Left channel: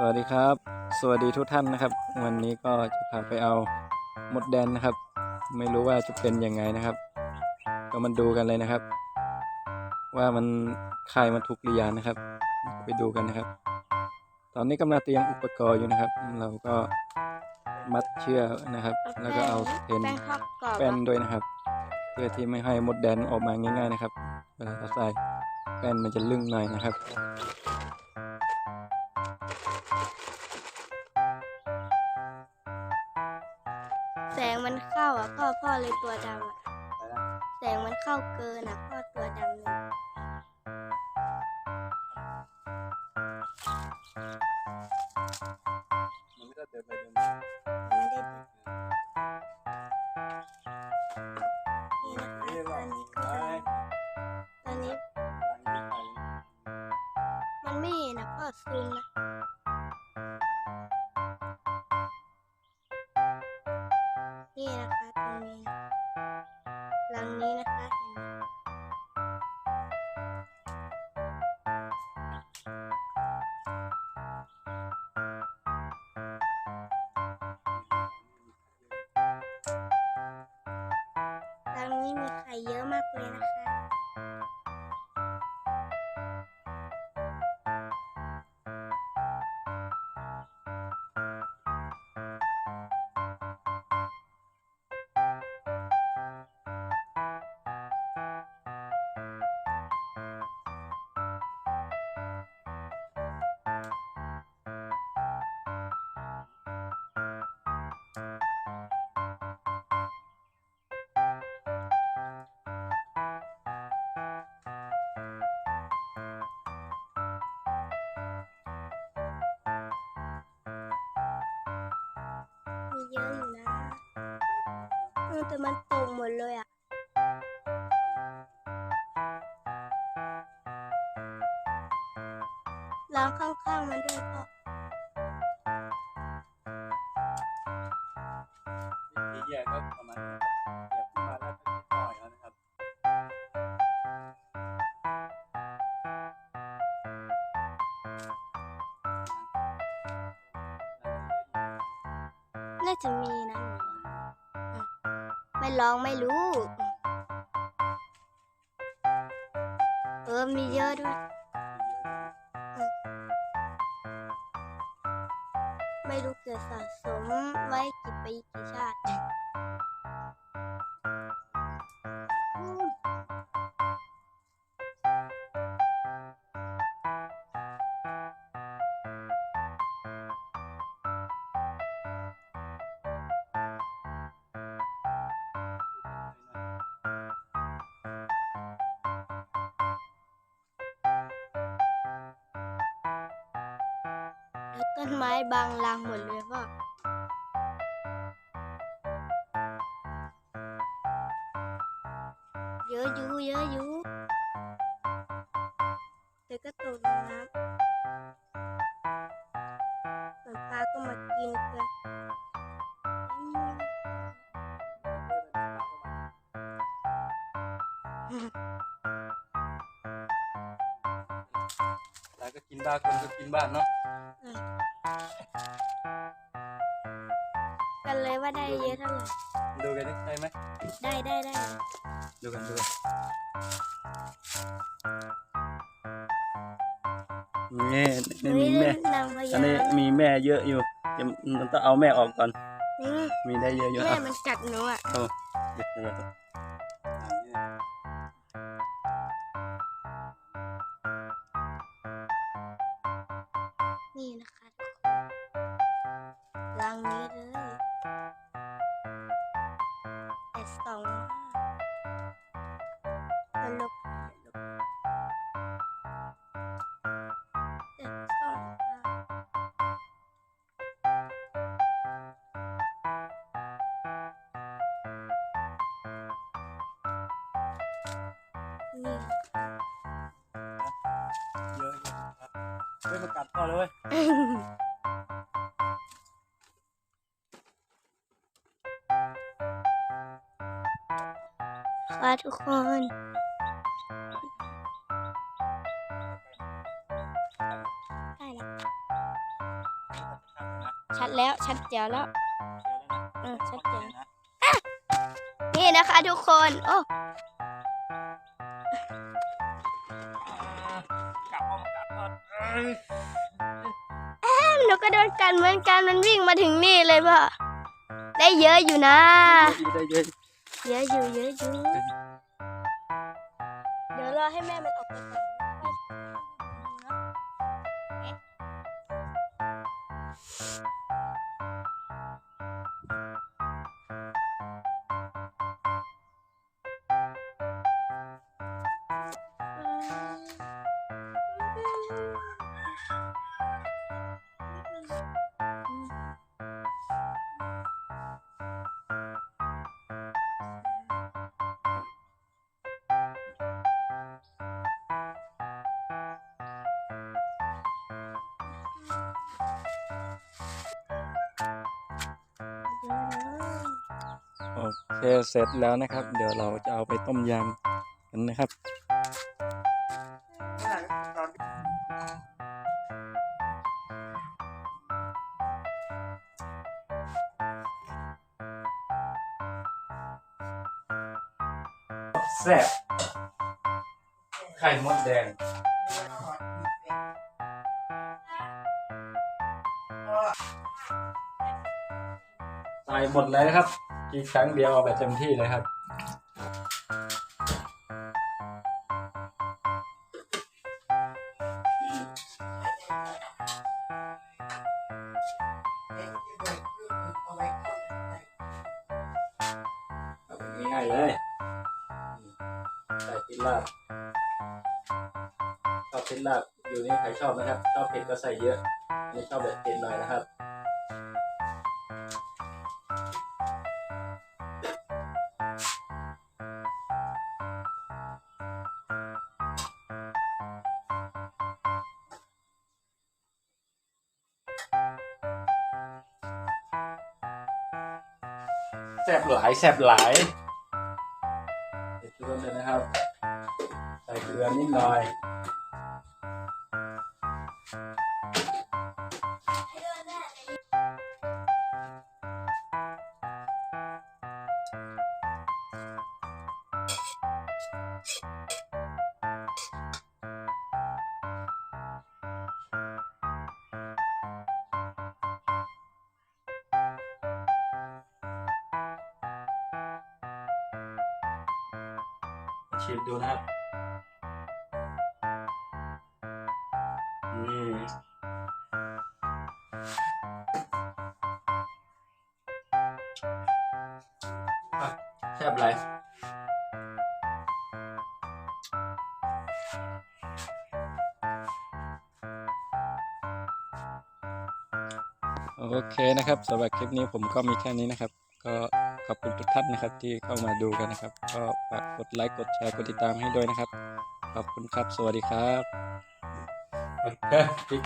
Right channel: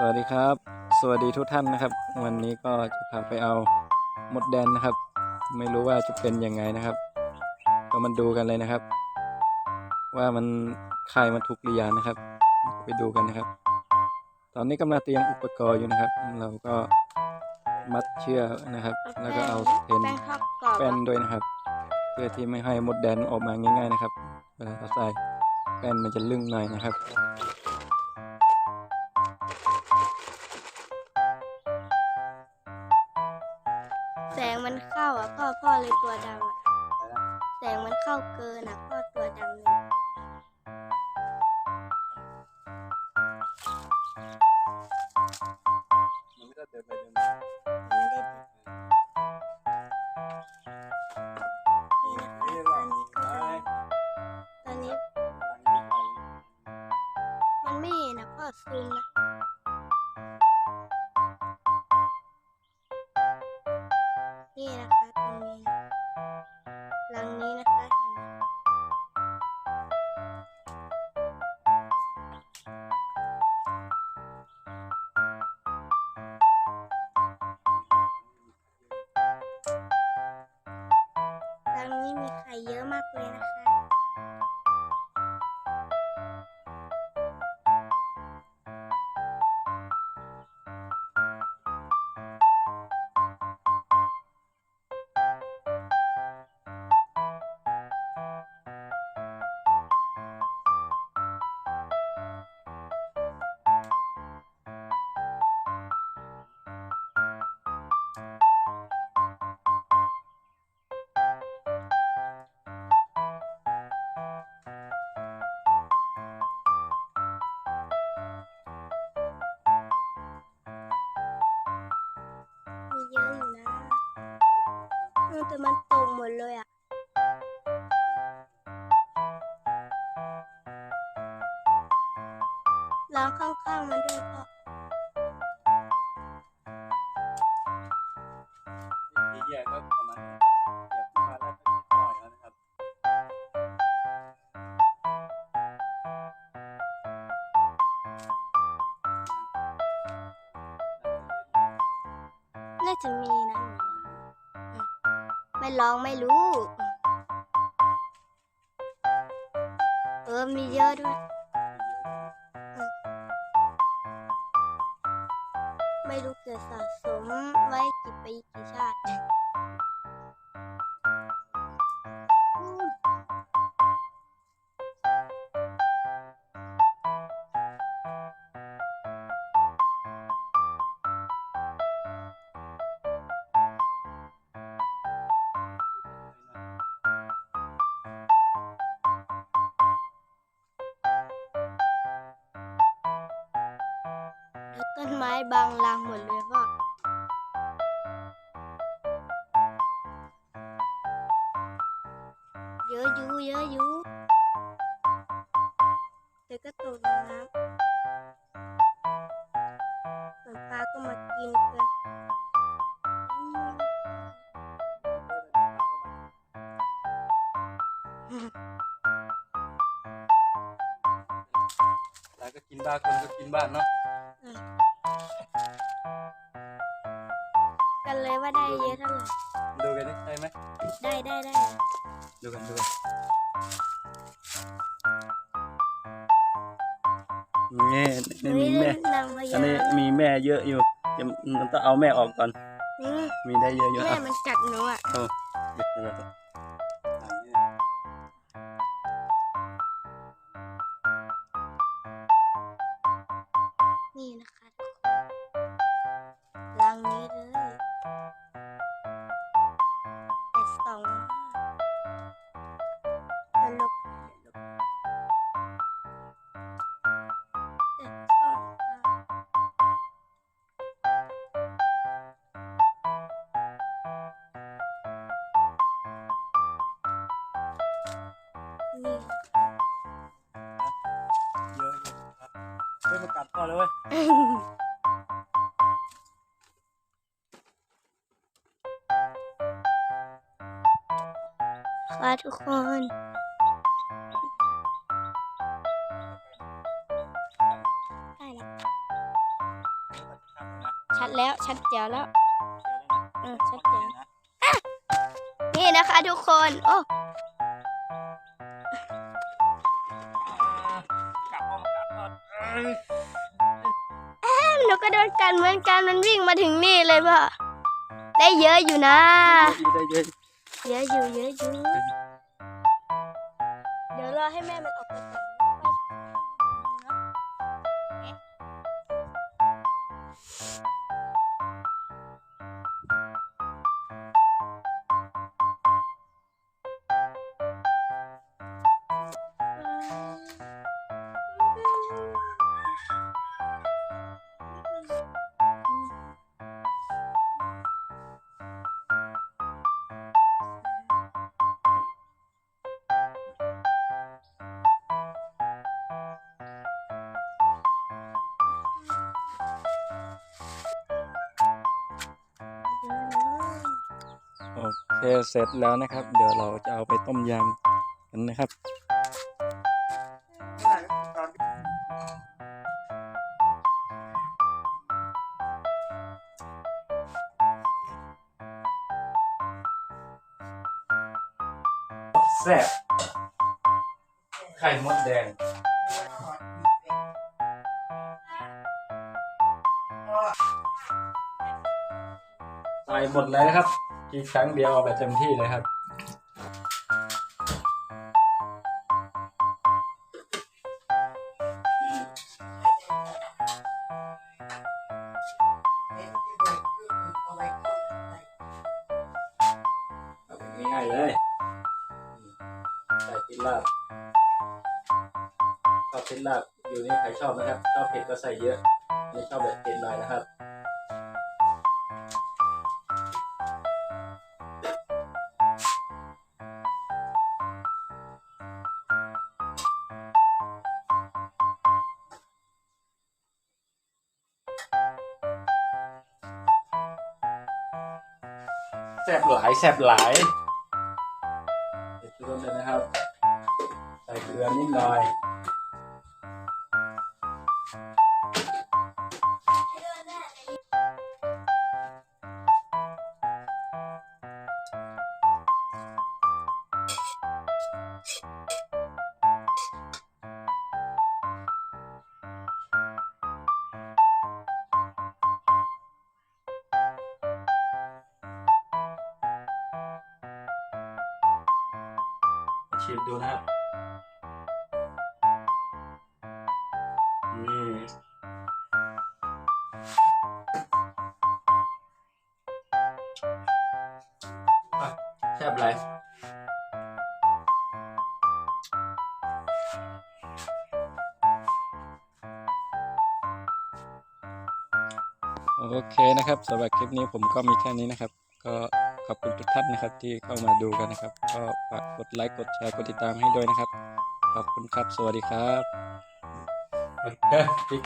สวัสดีครับ สวัสดีทุกท่านนะครับ วันนี้ก็จะพาไปเอามดแดนนะครับ ไม่รู้ว่าจะเป็นยังไงนะครับ ก็มาดูกันเลยนะครับ ว่ามันคายมันทุกหรือยังนะครับ ไปดูกันนะครับ ตอนนี้กำลังเตรียมอุปกรณ์อยู่นะครับ เราก็มัดเชือกนะครับ แล้วก็เอาเทนแป้งทอดกรอบแป้นด้วยนะครับ เพื่อที่ไม่ให้มดแดนออกมาง่าย ๆ นะครับเวลาเราใส่แป้นมันจะลึ่งหน่อยนะครับ แสงมันเข้าอะพ่อพ่อเลยตัวดำอะแสงมันเข้าเกินอะพ่อตัวดำเลยมันไม่ได้เดินไปเดินมามันไม่ได้เดินนี่นะคะตอนนี้ก็ตอนนี้มันไม่เห็นนะพ่อซูมนะ มีไข่เยอะมากเลยนะคะ ออแต่มันตรงหมดเลยอะล้างข้างๆมันด้วยพ่อที่แยกก็ประมาณนี้นะครับเหยียบขึ้นมาแล้วก็ต่อยแล้วนะครับน่าจะมีนะหนูว่าอืม ไม่ลองไม่รู้ เออมีเยอะด้วยไม่รู้เกิดสะสมไว้กี่ปีกี่ชาติ ต้นไม้บางรางหมดเลยพ่อเยอะอยู่เยอะอยู่แต่ก็ตกน้ำส่วนปลาก็มากินกันอืม ก็กินบ้านคนก็กินบ้านเนาะอืมกันเลยว่าได้เยอะเท่าไหร่ดูกันได้ไหมได้ได้ได้ดูกันดูกันนี่นี่มีแม่นางพอัญานนี้มีแม่เยอะอยู่เดี๋ยวมันต้องเอาแม่ออกก่อนนี่มีได้เยอะอยู่แม่อะมันกัดหนูอะโอ้เดี๋ยวเดี๋ยว รังนี้เลยแต่สองมากตลกตลกแต่สองมากนี่เยอะอยู่ครับเฮ้ยมากัดพ่อเลย เว้ยค่ะทุกคน ได้แล้ว ชัดแล้วชัดแจ๋วแล้วเชียวแล้วนะเออชัดเจนนะนี่นะคะทุกคน โอ้กลับห้องกลับห้องเอ้ยหนูก็โดนกันเหมือนกันมันวิ่งมาถึงนี่เลยพ่อได้เยอะอยู่นะได้เยอะ เยอะอยู่เยอะอยู่ เคเสร็จแล้วนะครับ เดี๋ยวเราจะเอาไปต้มยำกันนะครับแซ่บไข่มดแดงใส่หมดเลยนะครับ กินครั้งเดียวเอาแบบเต็มที่เลยครับเอาแบบง่ายๆเลยใส่พริกลาบชอบพริกลาบอยู่นี่ใครชอบนะครับ ชอบเผ็ดก็ใส่เยอะไม่ชอบแบบเผ็ดหน่อยนะครับ ซ่บหลายแซ่บหลายเกลือเลยนะครับ ใส่เกลือนิดหน่อย ชิมดูนะครับนี่อะแซ่บไรโอเคนะครับสำหรับคลิปนี้ผมก็มีแค่นี้นะครับ ก็ ขอบคุณทุกท่านนะครับ ที่เข้ามาดูกันนะครับ ก็ฝากกดไลค์กดแชร์กดติดตามให้ด้วยนะครับ ขอบคุณครับ สวัสดีครับครับ